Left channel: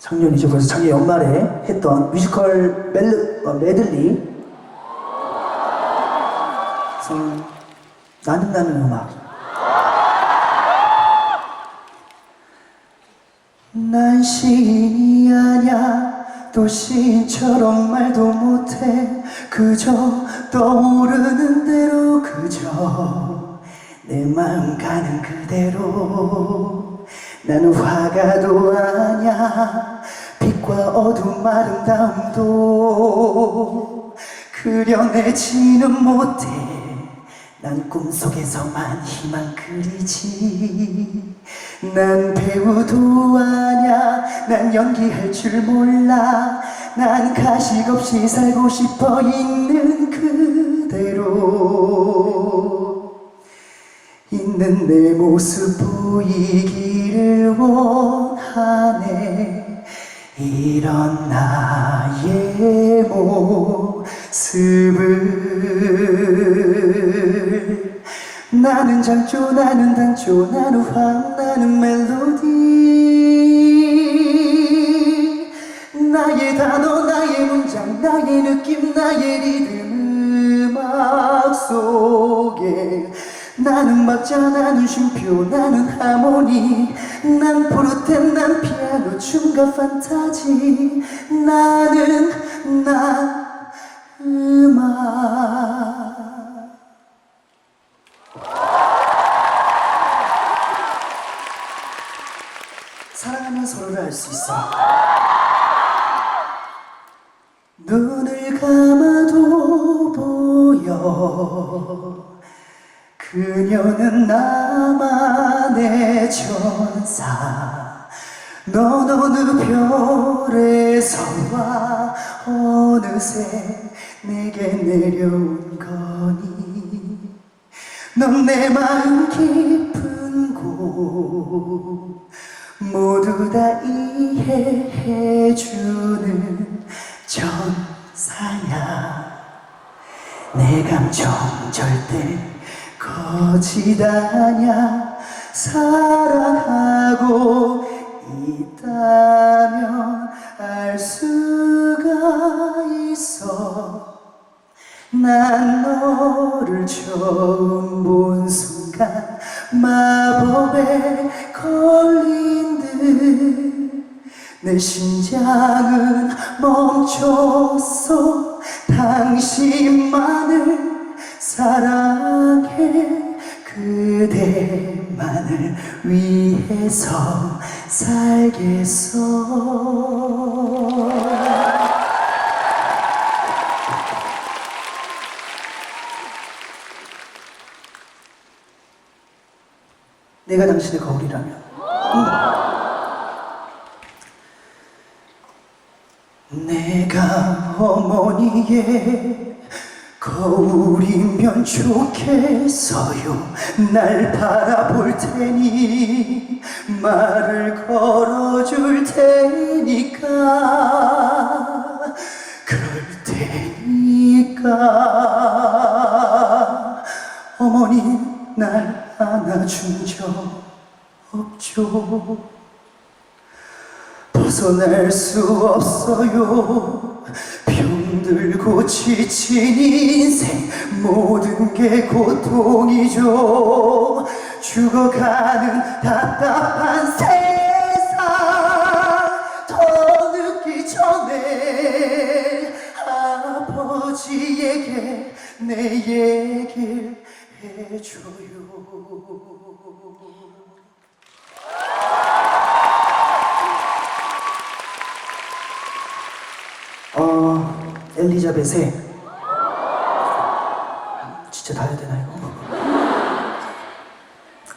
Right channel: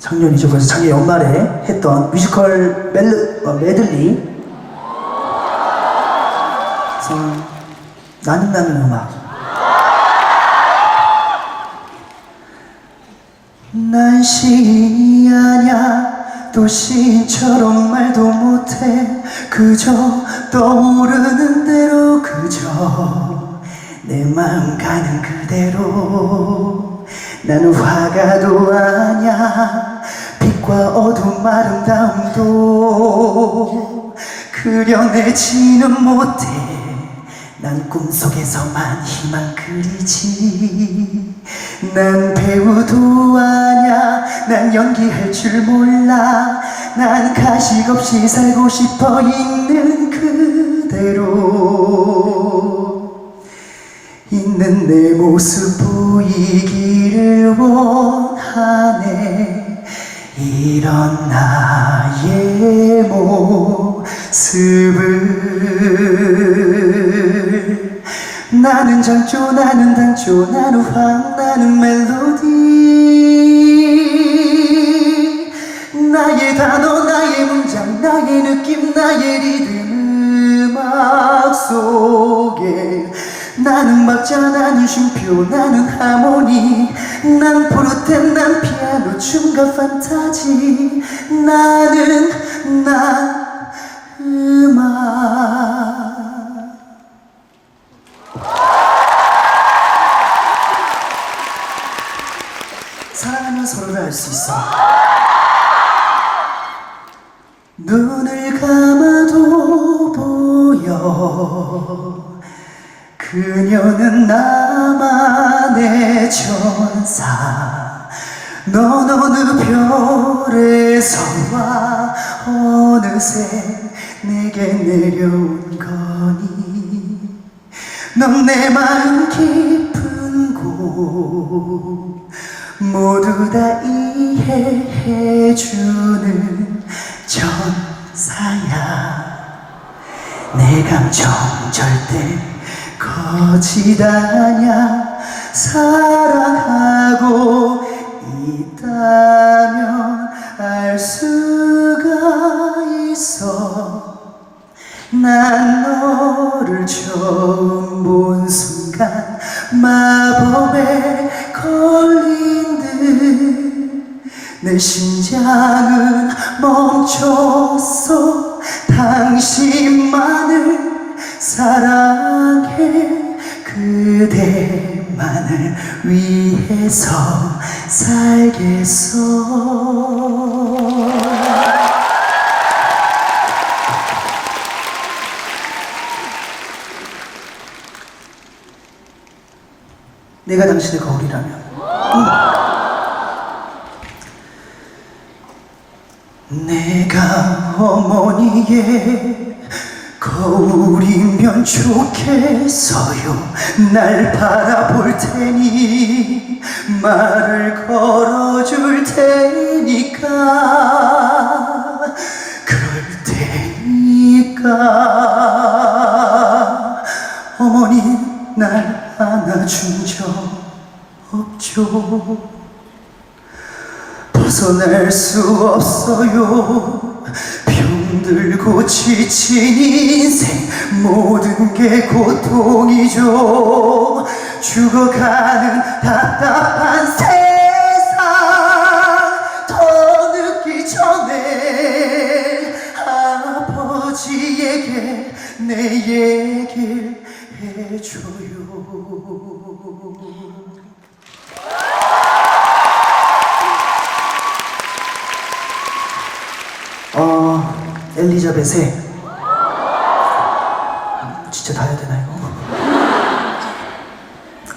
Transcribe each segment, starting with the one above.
작년이죠. 그래서 작년 연말에 했던 뮤지컬 멜, 어, 메들리. 그래서 나는 나는 음악. 난 시인이 아냐 또 시인처럼 말도 못해 그저 떠오르는 대로 그저 내 마음 가는 그대로 나는 화가도 아냐? 빛과 어둠 아름다움도 그려내지는 못해. 난 꿈속에서만 희망 그리지. 난 배우도 아냐? 난 연기할 줄 몰라. 난 가식 없이 살고 싶어 있는 그대로. 있는 내 모습 보이기 를 원하네. 이런 나의 모습을. 나는 장조 나는 단조 나는 황 나는 멜로디. 나의 단어 나의 문장 나의 느낌 나의 리듬 음악 속에 나는 박자 나는 쉼표 나는 하모니. 난 포르테 난 피아노 춤과 판타지. 나는 나 음악. 사랑하면 서로를 알 수 있어. 눈을 감아도 보여 그녀는 나만의 천사. 넌 어느 별에서 와 어느새 내게 내려온 거니? 넌 내 마음 깊은 곳 모두 다 이해해주는 천사야. 내 감정 절대 거짓 아냐 사랑하고 있다면 알 수가 있어. 난 너를 처음 본 순간 마법에 걸린 듯 내 심장은 멈췄어. 당신만을 사랑해 그대만을 위해서 살겠어 내가 당신의 거울이라면 음. 내가 어머니의 거울이면 좋겠어요. 날 바라볼 테니 말을 걸어줄 테니까. 그럴 테니까. 어머니 날 안아준 적 없죠? 벗어날 수 없어요 병들고 지친 인생 모든 게 고통이죠. 죽어가는 답답한 세상 더 늦기 전에 아버지에게 내 얘기를 해줘요 엘리자벳의 진짜 다 해야 되나 이거?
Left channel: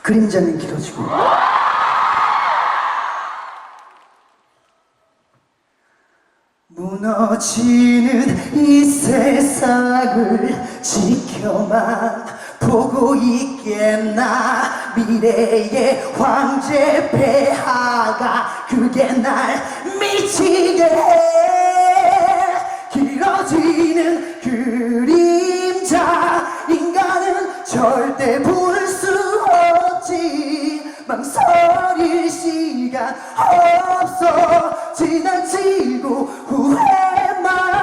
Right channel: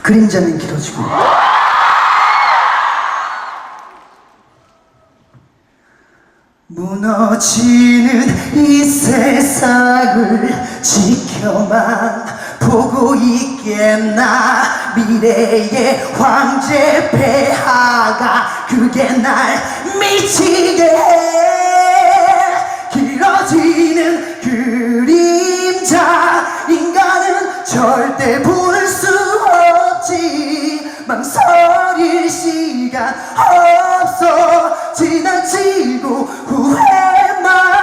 그림자는 길어지고. 무너지는 이 세상을 지켜만 보고 있겠나? 미래의 황제 폐하가 그게 날 미치게. 해 길어지는 그림자 인간은 절대 볼 수 없지. 망설일 시간 없어. 지나치고 후회만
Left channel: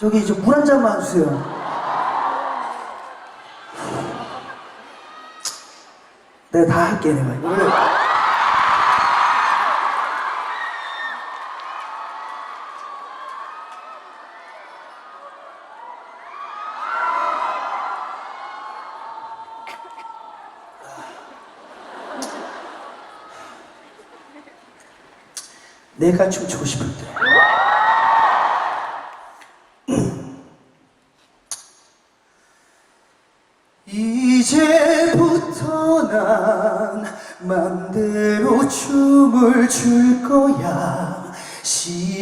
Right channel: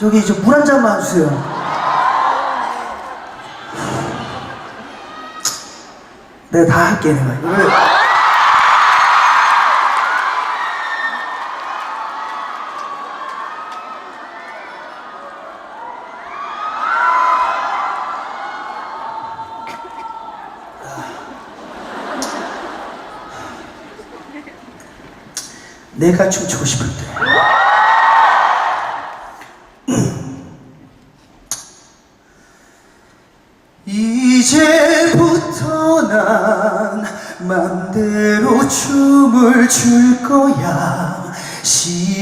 저기 저 물 한 잔만 주세요. 내가 다 할게 내가 이거를 내가 춤추고 싶은데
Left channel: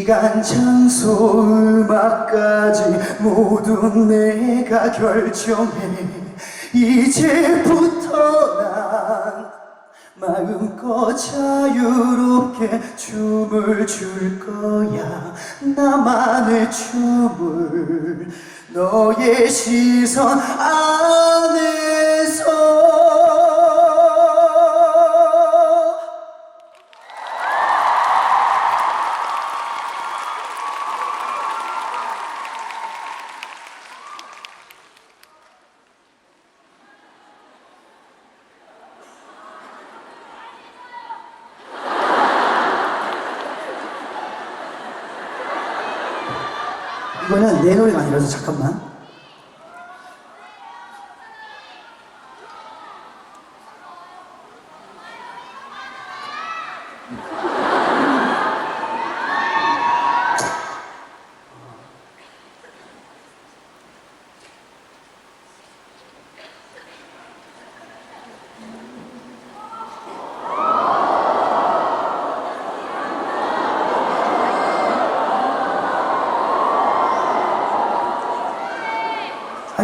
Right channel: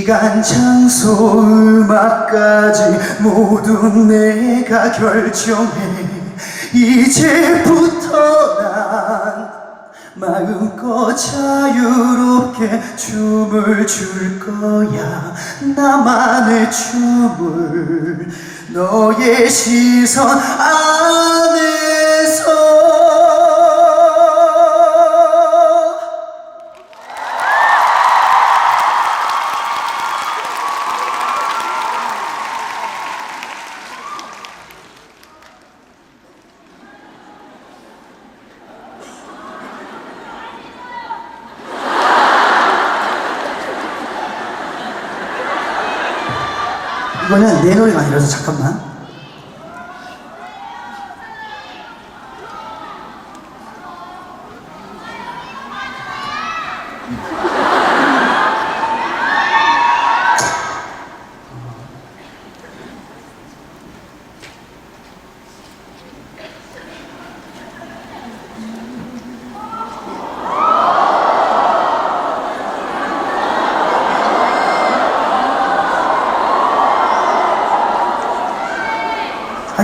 시간, 장소, 음악까지 모두 내가 결정해. 이제부터 난 마음껏 자유롭게 춤을 출 거야. 나만의 춤을 너의 시선 안에 이거는 내 노래가 아니라서 잠깐만.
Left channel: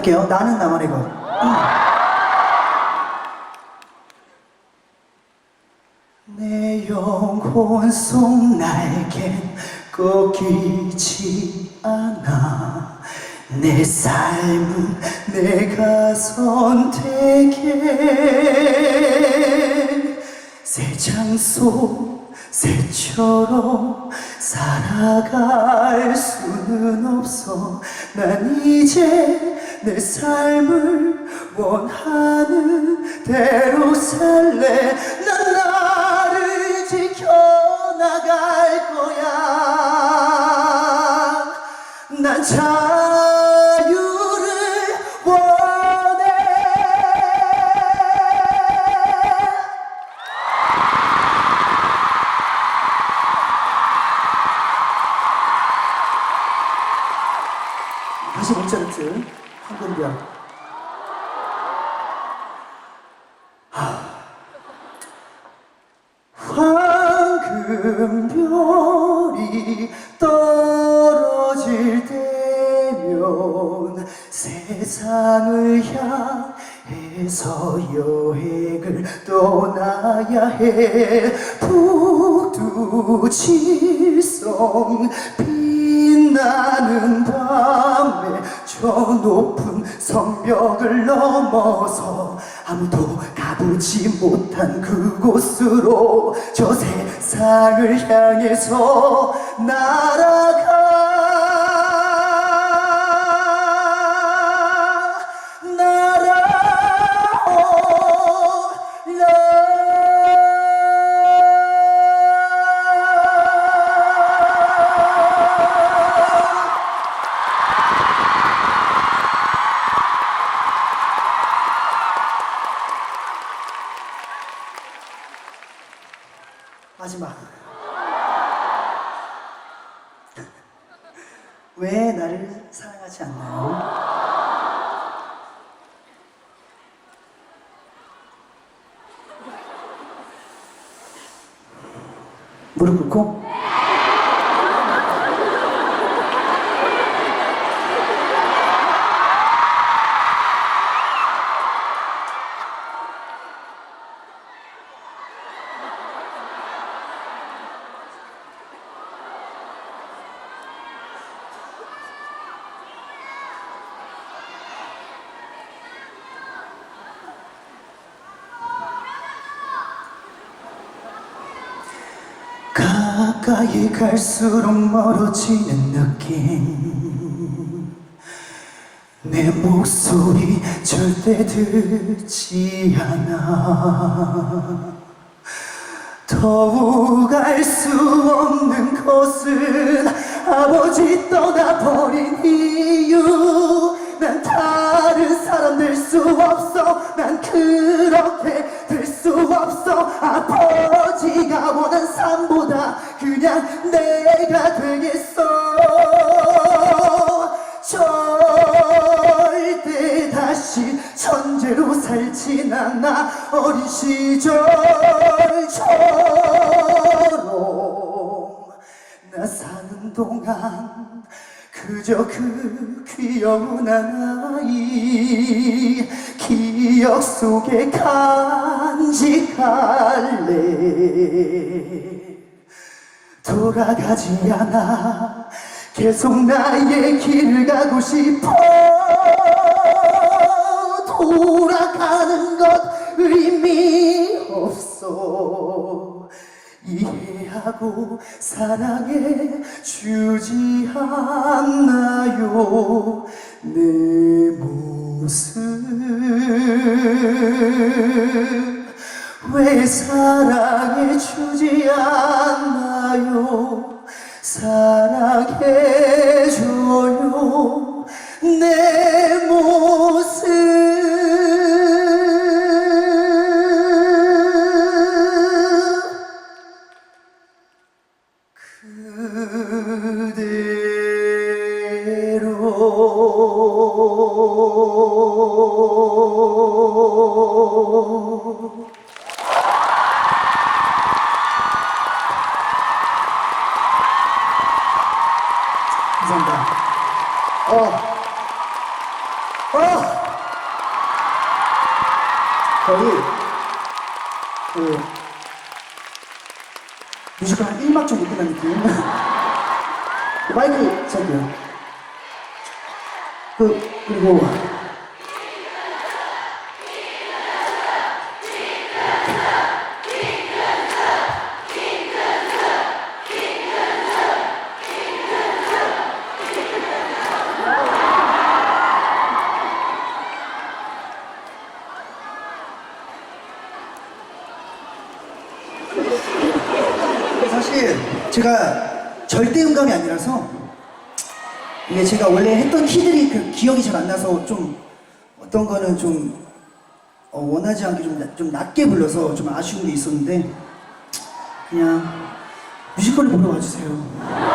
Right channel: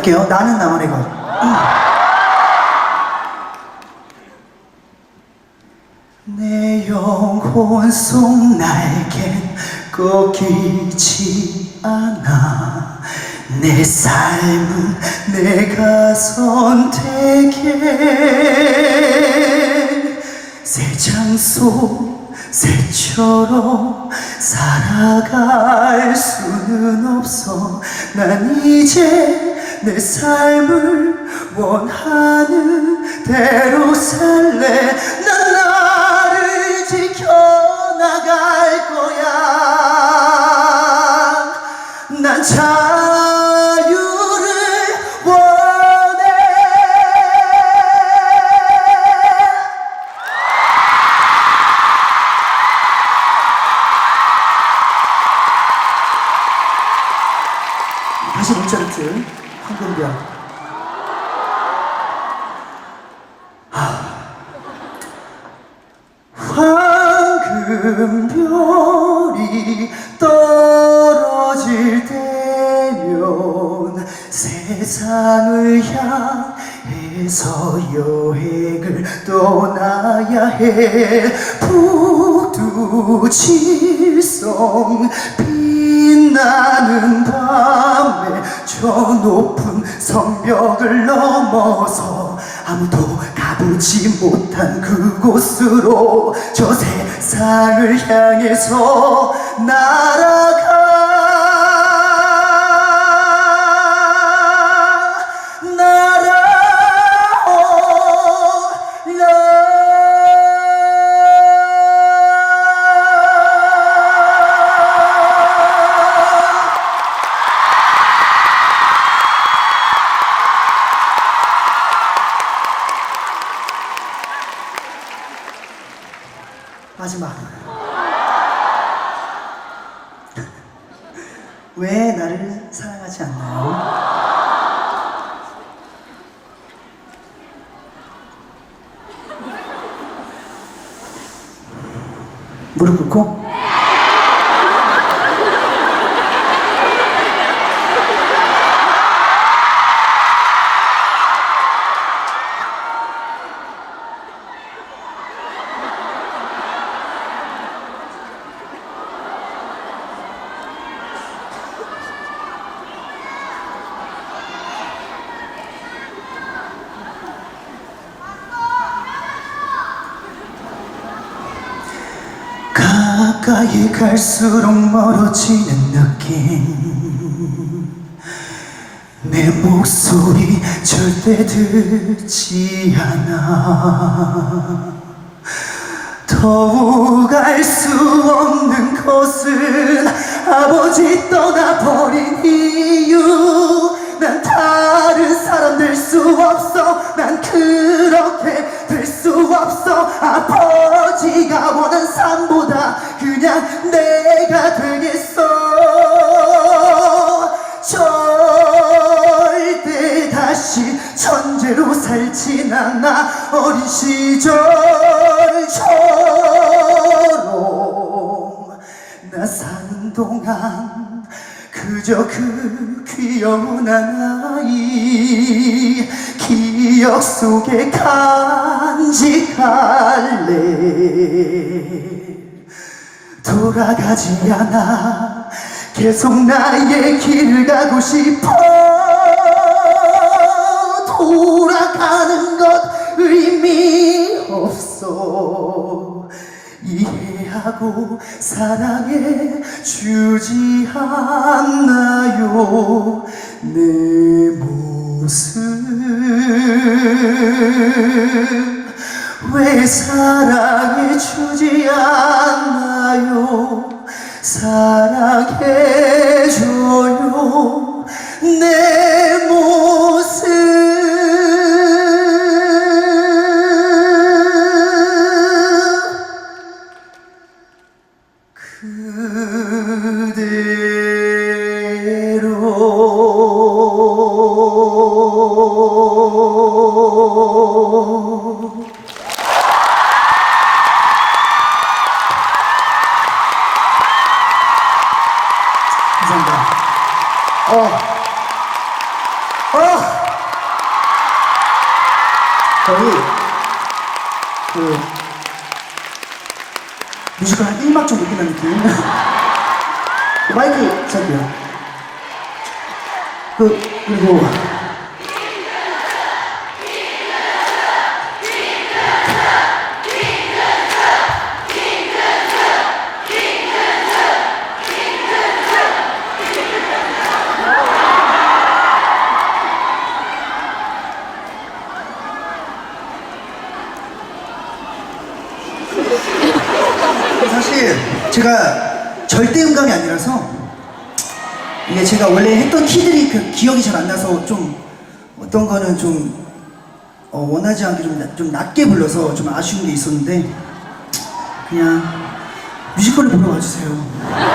할게요. 나는 나만의 것. 내 영혼 속 날겐 꺾이지 않아 내 삶은 내가 선택해 새 장소 새처럼 살아갈 수는 없어 난 이제 내 삶을 원하는 대로 살래. 난 나를 지켜나갈 거야. 난 자유를 원해. 다시 모차르트 황금별 황금별이 떨어질 때면 세상을 향해서 여행을 떠나야 해. 북두칠성 빛나는 밤에 저 높은 성벽을 넘어서 아무도 가보지 못한 그곳으로 저 세상을 향해서 날아가 왜 나를 사랑하지 않나요? 무릎 꿇고 가까이 갈수록 멀어지는 느낌. 내 목소리 절대 듣지 않아. 더욱 알 수 없는 것은 아버지 떠나버린 이유. 난 다른 사람 될 수 없어. 난 그렇게 될수 없어. 아버지가 원한 삶보다 그냥 내가 되겠어. 절대 다시 천재로 살진 않아. 어린 시절처럼 나 사는 동안 그저 그 귀여운 아이 기억 속에 간직할래? 돌아가지 않아 계속 나의 길을 가고 싶어. 돌아가는 것 의미 없어 이해하고 사랑해 주지 않나요? 내 모습 왜 사랑해 주지 않나요? 사랑해 줘요. 내 모습 감사합니다. 어, 어, 거의 그 뮤지컬 한 1막 정도 끝난 느낌. 그 마이크 잡고요. 그 그리고 사실 제가 절대 음감이 아니라서 이게 제가 원래 했던 키들이 그 기억이 잘 안 나서 좀 어떤 거는 좀 어, 원하지 않게 좀, 낮- 좀 낮게 불러서 좀 아쉬운 게 있었는데 그냥 뮤지컬을 보러 와주세요.